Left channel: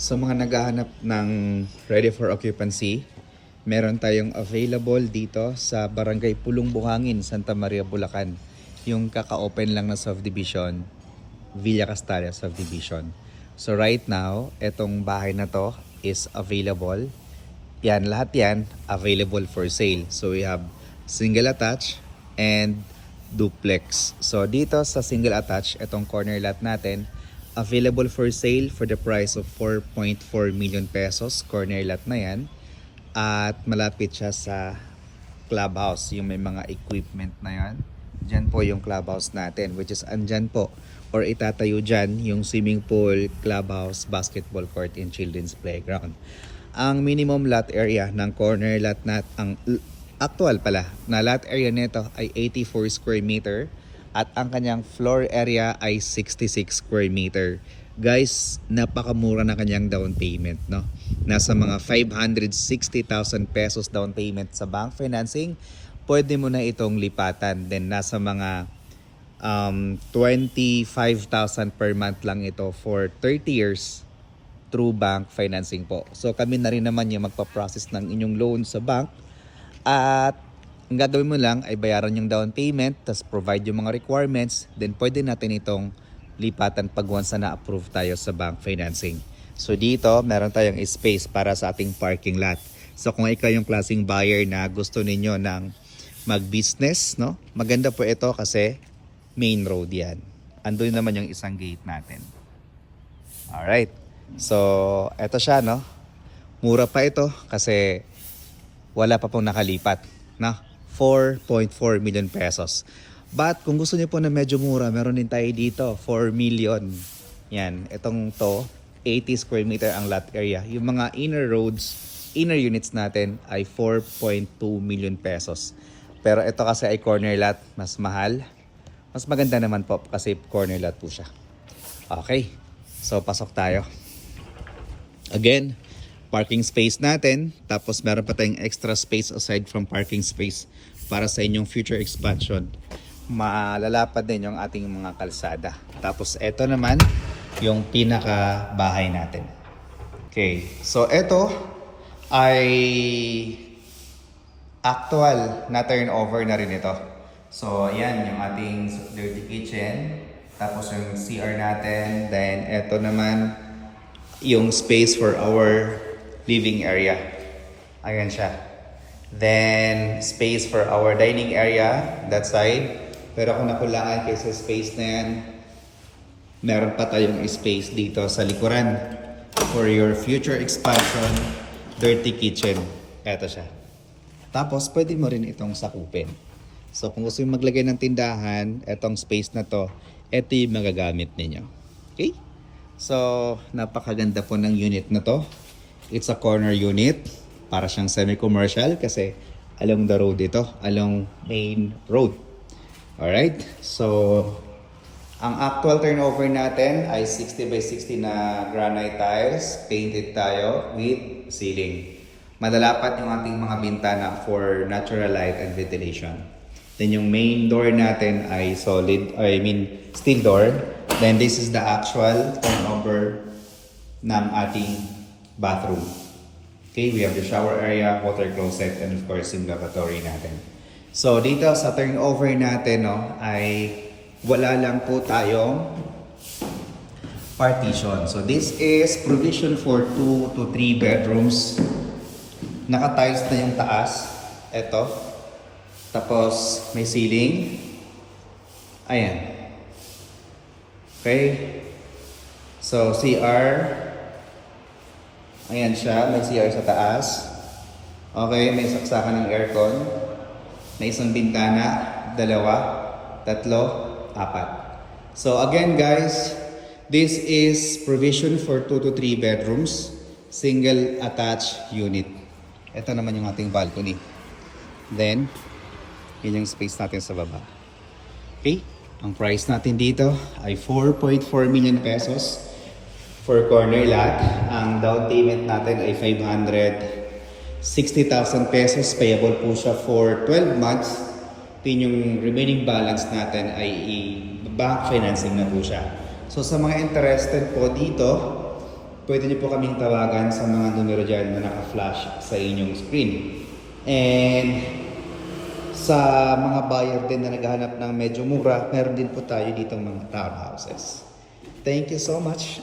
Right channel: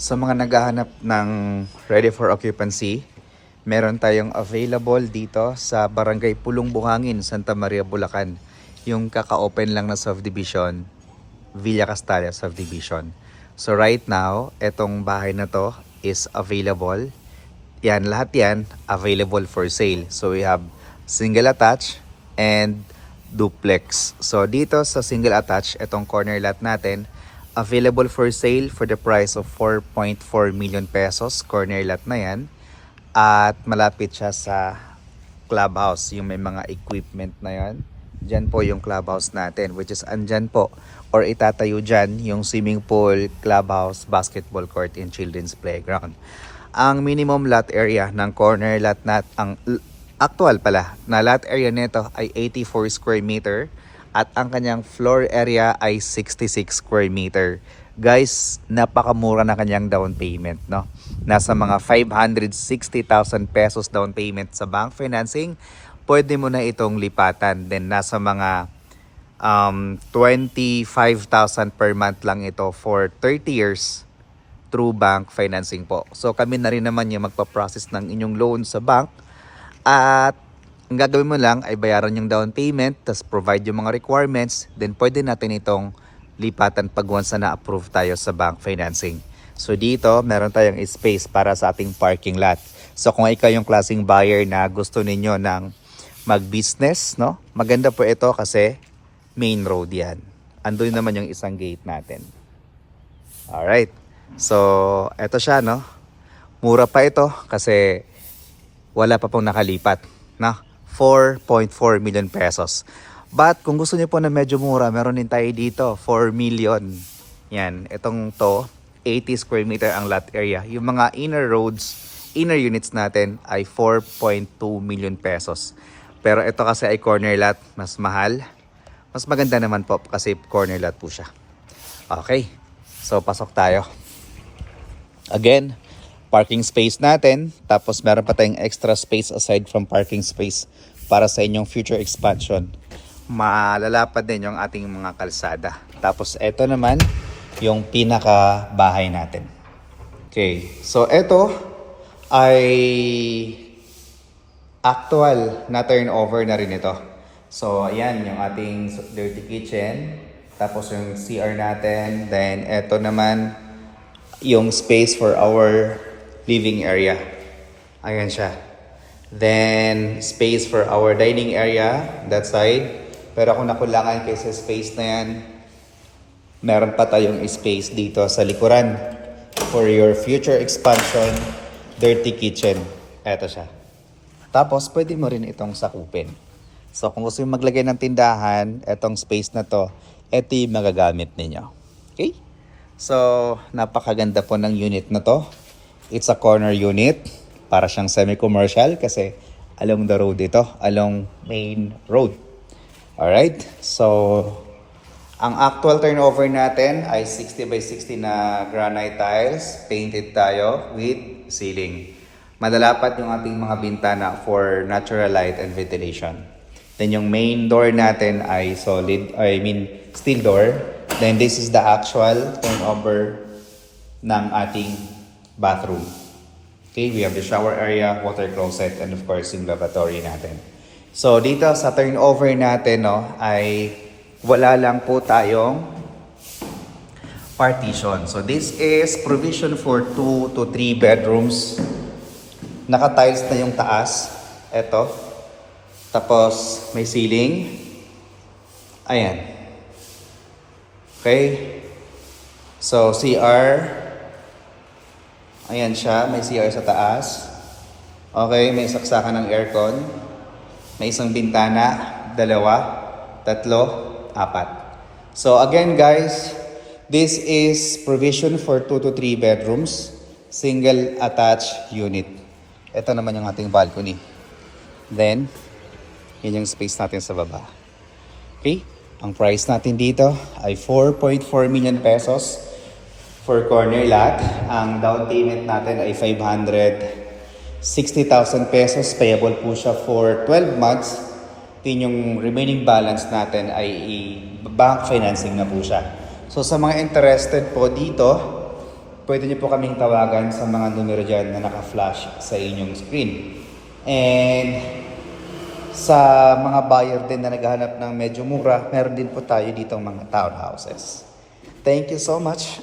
Sa mga naghahanap ng ready for occupancy, meron tayong available dito sa Barangay Pulong Buhangin, Santa Maria, Bulacan. Yung kaka-open lang na subdivision, Villa Castalia subdivision. So right now, etong bahay na to is available. Yan, lahat yan available for sale. So we have single attached and duplex. So dito sa single attached, etong corner lot natin, available for sale for the price of 4.4 million pesos. Corner lot na yan. At malapit siya sa clubhouse, yung may mga equipment na yan. Diyan po yung clubhouse natin, which is andyan po or itatayo dyan yung swimming pool, clubhouse, basketball court, and children's playground. Ang minimum lot area ng corner lot ang actual pala na lot area nito ay 84 square meter at ang kanyang floor area ay 66 square meter. Guys, napakamura na kanyang down payment, no? Nasa mga 560,000 pesos down payment sa bank financing. Pwede mo na itong lipatan. Then nasa mga 25,000 per month lang ito for 30 years through bank financing po. So kami na rin naman yung magpa-process ng inyong loan sa bank. At ang gagawin mo lang ay bayaran yung down payment, tapos provide yung mga requirements, then pwede natin itong lipatan pag once na na-approve tayo sa bank financing. So dito, meron tayong space para sa ating parking lot. So kung ikaw yung klaseng buyer na gusto ninyo ng mag-business, no? Maganda po ito kasi main road yan. Andun naman yung isang gate natin. Alright. So, eto siya, no? Mura pa ito kasi wala pa pong nakalipat, no? 4.4 million pesos. But kung gusto niyo po na medyo mura, meron din tayo dito, 4 million. Yan, itong to, 80 square meter ang lot area. Yung mga inner roads, inner units natin ay 4.2 million pesos. Pero ito kasi ay corner lot, mas mahal. Mas maganda naman po kasi corner lot po siya. Okay, so pasok tayo. Again, parking space natin. Tapos meron pa tayong extra space aside from parking space para sa inyong future expansion. Malalapad din yung ating mga kalsada. Tapos ito naman yung pinaka bahay natin. Okay, so ito ay actual na turnover na rin ito. So ayan yung ating dirty kitchen. Tapos yung CR natin. Then ito naman yung space for our living area. Ayan siya. Then space for our dining area, that side. Pero kung nakulangan kayo sa space na yan, meron pa tayong space dito sa likuran for your future expansion, dirty kitchen. Eto siya. Tapos pwede mo rin itong sakupin. So kung gusto yung maglagay ng tindahan, etong space na to, eto yung magagamit ninyo. Okay? So napakaganda po ng unit na to. It's a corner unit. Para siyang semi-commercial kasi along the road ito. Along main road. Alright? So, ang actual turnover natin ay 60 by 60 na granite tiles. Painted tayo with ceiling. Madalapat yung ating mga bintana for natural light and ventilation. Then yung main door natin ay steel door. Then this is the actual turnover ng ating bathroom. Okay, we have the shower area, water closet, and of course yung lavatory natin. So dito sa turnover natin, no, ay wala lang po tayong partition. So this is provision for 2 to 3 bedrooms. Naka-tiles na yung taas. Ito. Tapos may ceiling. Ayan. Okay. So CR. Ayan siya, may CR sa taas. Okay, may saksakan ng aircon. May isang bintana, 2, 3, 4. So again guys, this is provision for 2 to 3 bedrooms, single attached unit. Ito naman yung ating balcony. Then, yun yung space natin sa baba. Okay, ang price natin dito ay 4.4 million pesos. For corner lot, ang down payment natin ay 560,000 pesos. Payable po siya for 12 months. Then yung remaining balance natin ay bank financing na po siya. So sa mga interested po dito, pwede niyo po kaming tawagan sa mga numero dyan na naka-flash sa inyong screen. And sa mga buyer din na naghahanap ng medyo mura, meron din po tayo ditong mga townhouses. Thank you so much.